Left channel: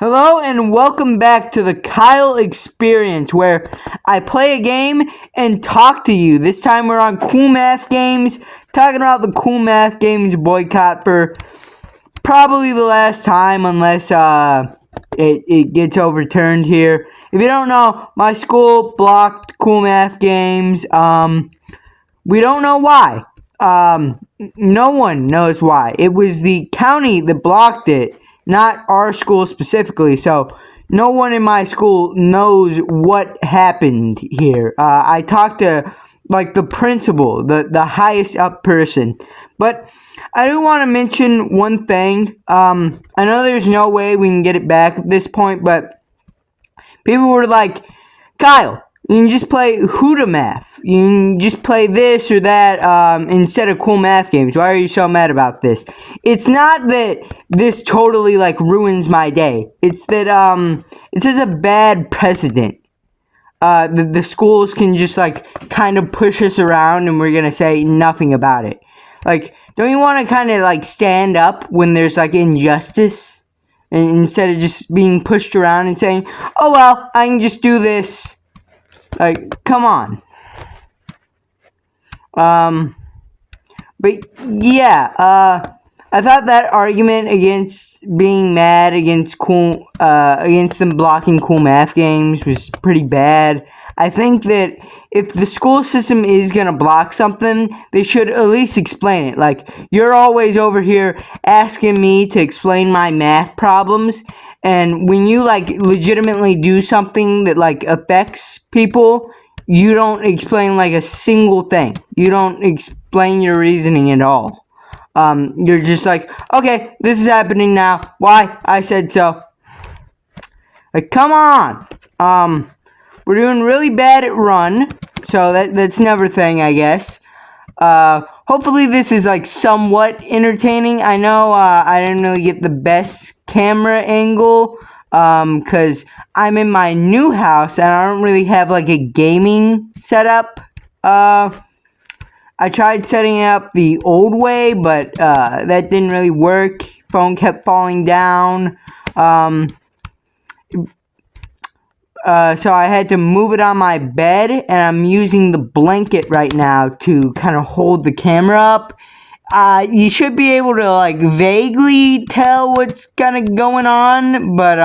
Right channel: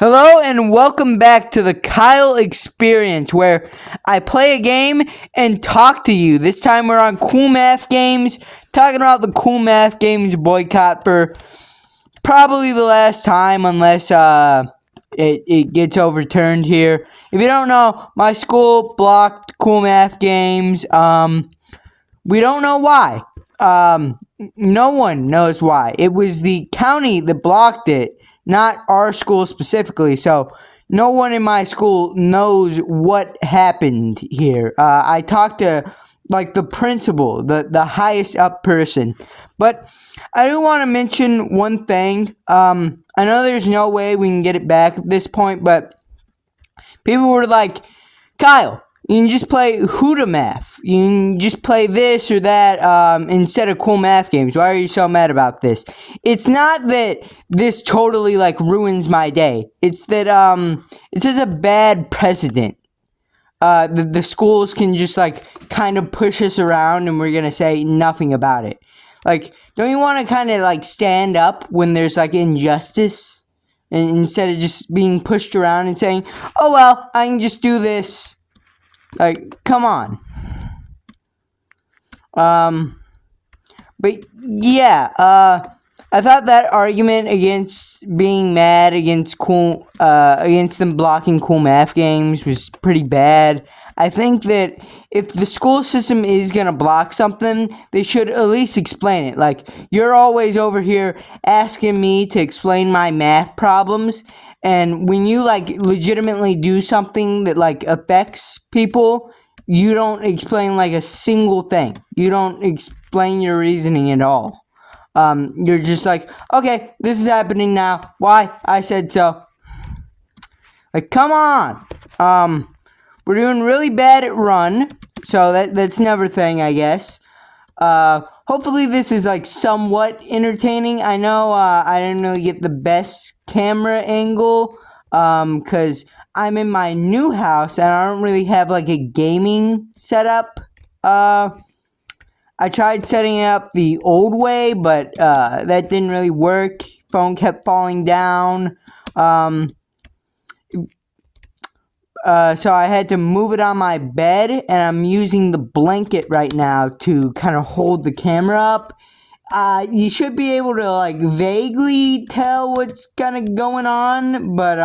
Hello and welcome back to the Kyle Experience, where I play a game and talk to you. This time we're on Cool Math Games, talking about the Cool Math Games boycott for probably the last time, unless it gets overturned here. If you don't know, my school blocked Cool Math Games. We don't know why. No one knows why. It was the county that blocked it, not our school specifically. So no one in my school knows what happened here. I talked to the principal, the highest up person. But I do want to mention one thing. I know there's no way we can get it back at this point, but people were like, Kyle, you can just play Huda Math. You can just play this or that instead of Cool Math Games. Why are you so mad about this? It's not that this totally ruins my day. It's that it sets a bad precedent. The schools can just kind of push us around and we're gonna say nothing about it. Don't you want to kind of stand up when there's injustice? And instead of just being pushed around and saying, oh well, I can just do this. Come on. But yeah, I thought that argument against being mad against them blocking Cool Math Games was pretty bad. I think that if the school system is gonna block something, they should at least explain it. You're always over here asking me to explain my math problems, and when you legitimately do something that affects people, you don't explain a single thing. You don't explain your reasoning at all. You're just okay, this is happening now. Why? I said so. Come on. We're doing really bad at Run, so that's another thing, I guess. Hopefully this is somewhat entertaining. I know I didn't really get the best camera angle, cause I'm in my new house and I don't really have a gaming setup. I tried setting it up the old way, but that didn't really work. Phone kept falling down. So I had to move it on my bed, and I'm using the blanket right now to kind of hold the camera up. You should be able to vaguely tell what's kind of going on, but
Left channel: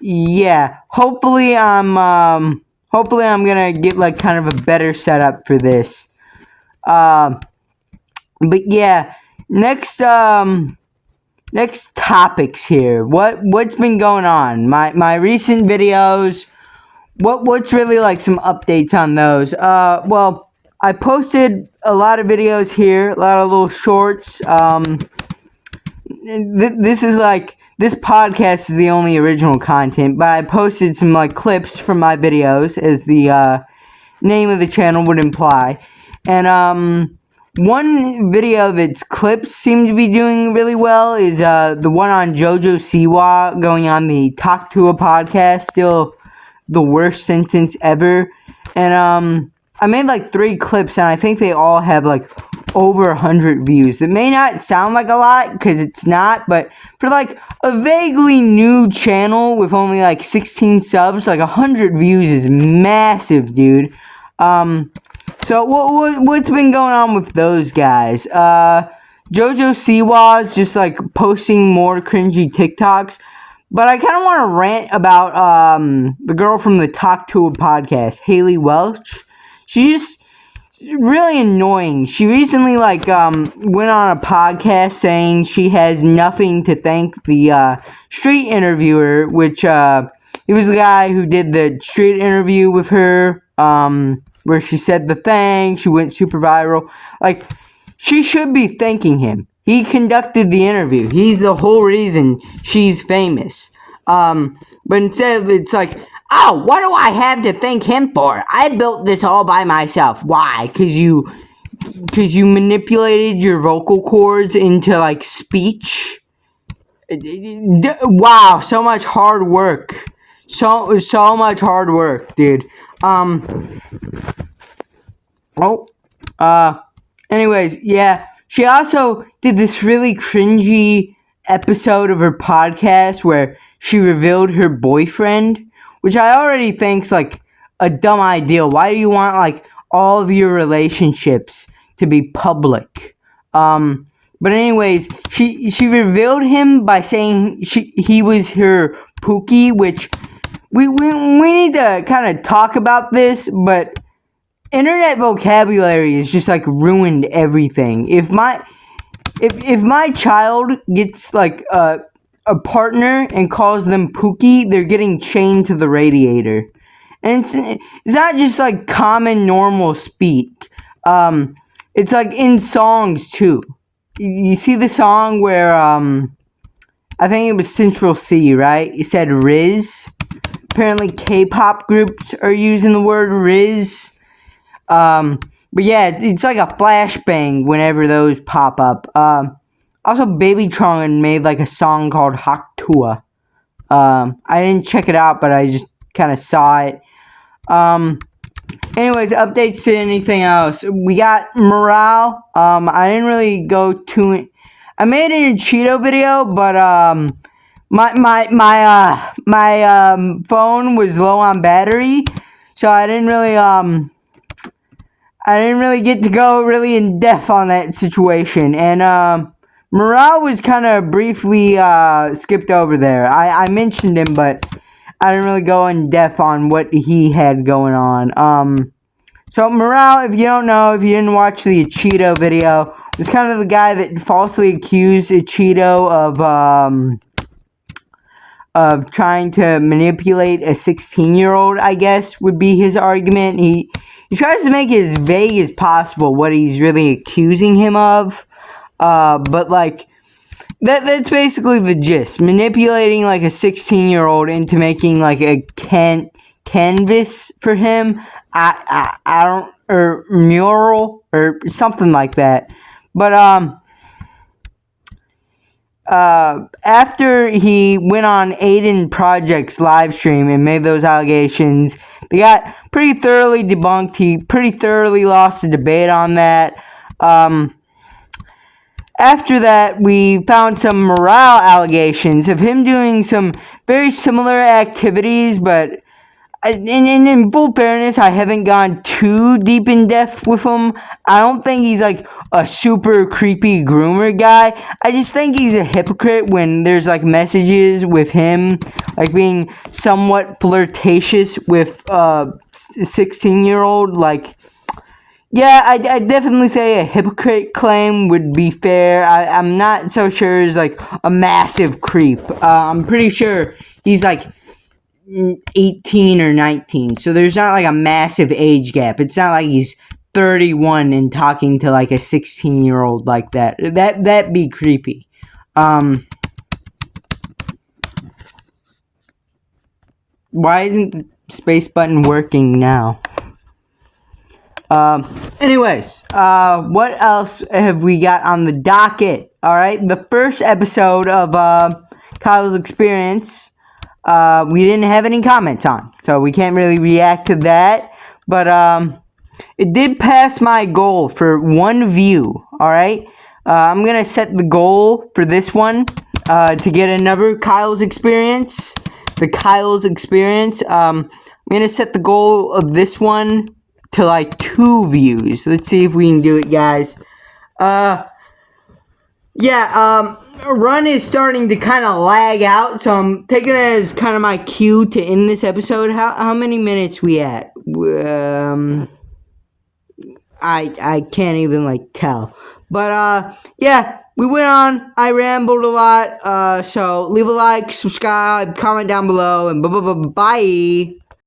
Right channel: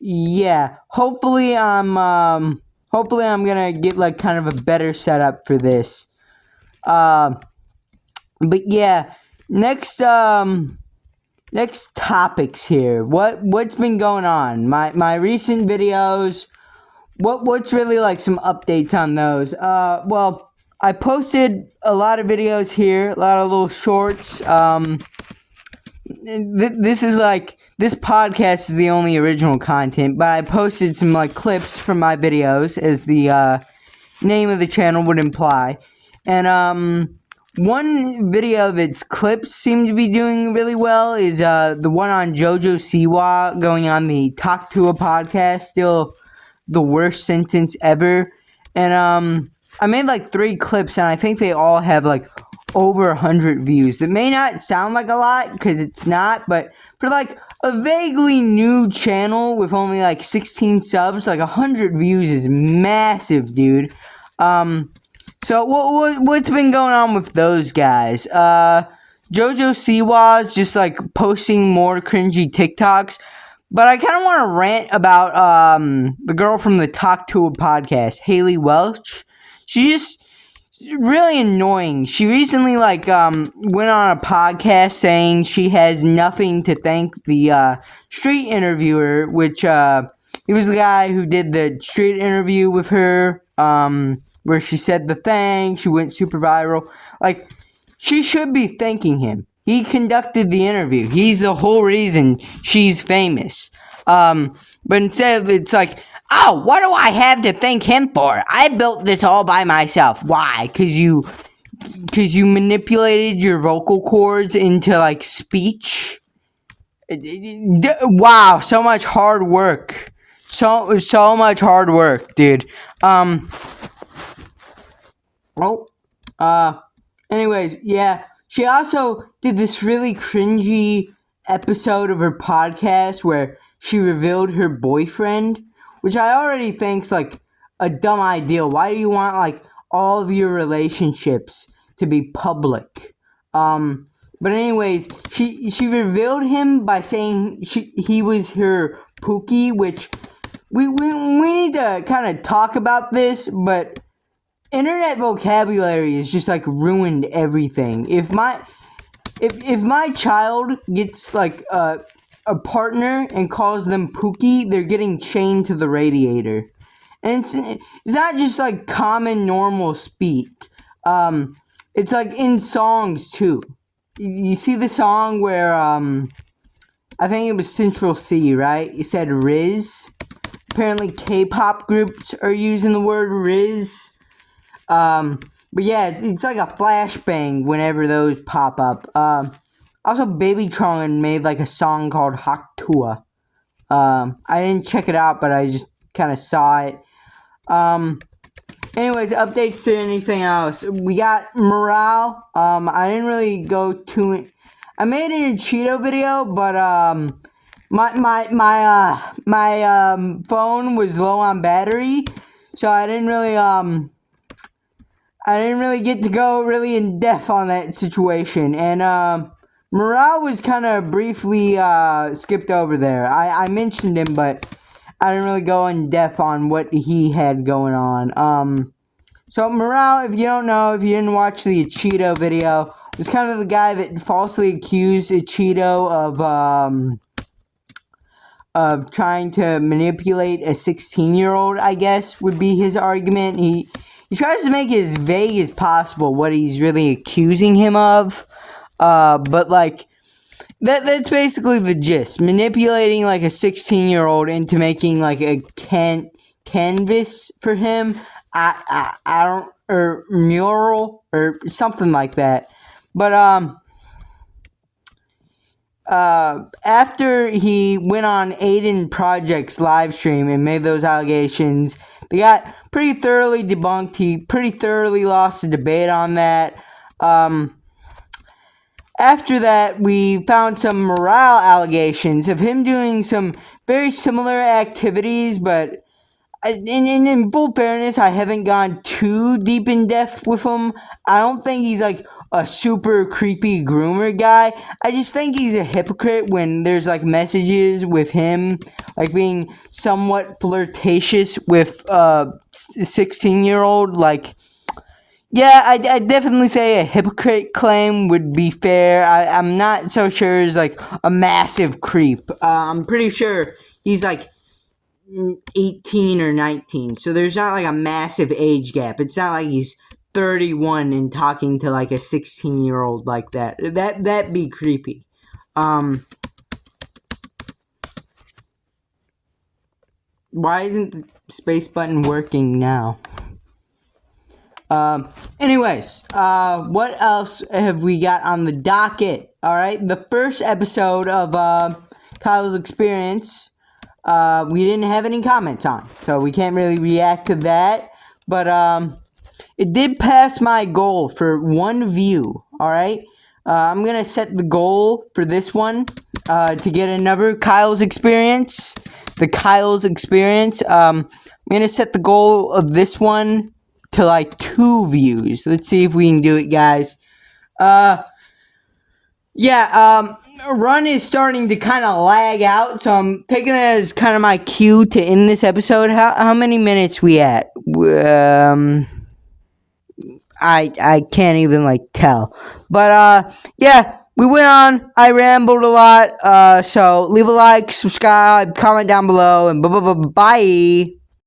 yeah. Hopefully I'm gonna get kind of a better setup for this. But yeah, next topics here. What's been going on? My recent videos. What's really some updates on those? Well, I posted a lot of videos here, a lot of little shorts. This podcast is the only original content, but I posted some clips from my videos, as the name of the channel would imply. And one video that's clips seem to be doing really well is the one on JoJo Siwa going on the Talk to a podcast. Still the worst sentence ever. And I made 3 clips, and I think they all have over 100 views. It may not sound like a lot, because it's not, but for a vaguely new channel with only 16 subs, 100 views is massive, dude. So what's been going on with those guys? JoJo Siwa's just posting more cringy TikToks, but I kind of want to rant about the girl from the Talk to a podcast, Haley Welch. She's just really annoying. She recently went on a podcast saying she has nothing to thank the street interviewer, which he was the guy who did the street interview with her, where she said the thing. She went super viral. She should be thanking him. He conducted the interview. He's the whole reason she's famous. But instead it's oh, what do I have to thank him for? I built this all by myself. Why? Because you manipulated your vocal cords into speech. Wow, so much hard work. So much hard work, dude. Anyways, yeah. She also did this really cringy episode of her podcast where she revealed her boyfriend, which I already think's like a dumb idea. Why do you want like all of your relationships to be public? But anyways, she revealed him by saying he was her Pookie, which we need to kind of talk about this, but internet vocabulary is just like ruined everything. If my child gets like a partner and calls them Pookie, they're getting chained to the radiator. And it's not just like common normal speak. It's like in songs too. You see the song where I think it was Central C, right? It said Riz. Apparently K-pop groups are using the word Riz. But yeah, it's like a flashbang whenever those pop up. Also Baby Tron made like a song called Haktua. I didn't check it out, but I just kind of saw it. Anyways, updates to anything else. We got morale. I didn't really go to it. I made an Cheeto video, but my phone was low on battery, so I didn't really get to go really in depth on that situation. And morale was kind of briefly skipped over there. I mentioned him, but I didn't really go in depth on what he had going on. So morale, if you don't know, if you didn't watch the Cheeto video, was kind of the guy that falsely accused Cheeto of trying to manipulate a 16-year-old, I guess, would be his argument. He tries to make it as vague as possible what he's really accusing him of. But like, that's basically the gist. Manipulating like a 16-year-old into making like a canvas for him. I don't, or mural or something like that. But after he went on Aiden Project's live stream and made those allegations, they got pretty thoroughly debunked. He pretty thoroughly lost the debate on that. After that, we found some morale allegations of him doing some very similar activities, but in full fairness, I haven't gone too deep in depth with him. I don't think he's like a super creepy groomer guy. I just think he's a hypocrite when there's like messages with him like being somewhat flirtatious with a 16-year-old. Like, yeah, I'd definitely say a hypocrite claim would be fair. I'm not so sure he's like a massive creep. I'm pretty sure he's like 18 or 19, so there's not like a massive age gap. It's not like he's 31 and talking to like a 16-year-old like that. That'd be creepy. Why isn't the space button working now? Anyways, what else have we got on the docket? Alright, the first episode of Kyle's Experience, we didn't have any comments on, so we can't really react to that. But it did pass my goal for 1 view. Alright, I'm gonna set the goal for this one to get another Kyle's Experience. The Kyle's Experience. I'm gonna set the goal of this one to like 2 views. Let's see if we can do it, guys. Run is starting to kind of lag out, so I'm taking it as kind of my cue to end this episode. How many minutes we at? I can't even like tell. But yeah, we went on. I rambled a lot. So leave a like, subscribe, comment down below, and bye.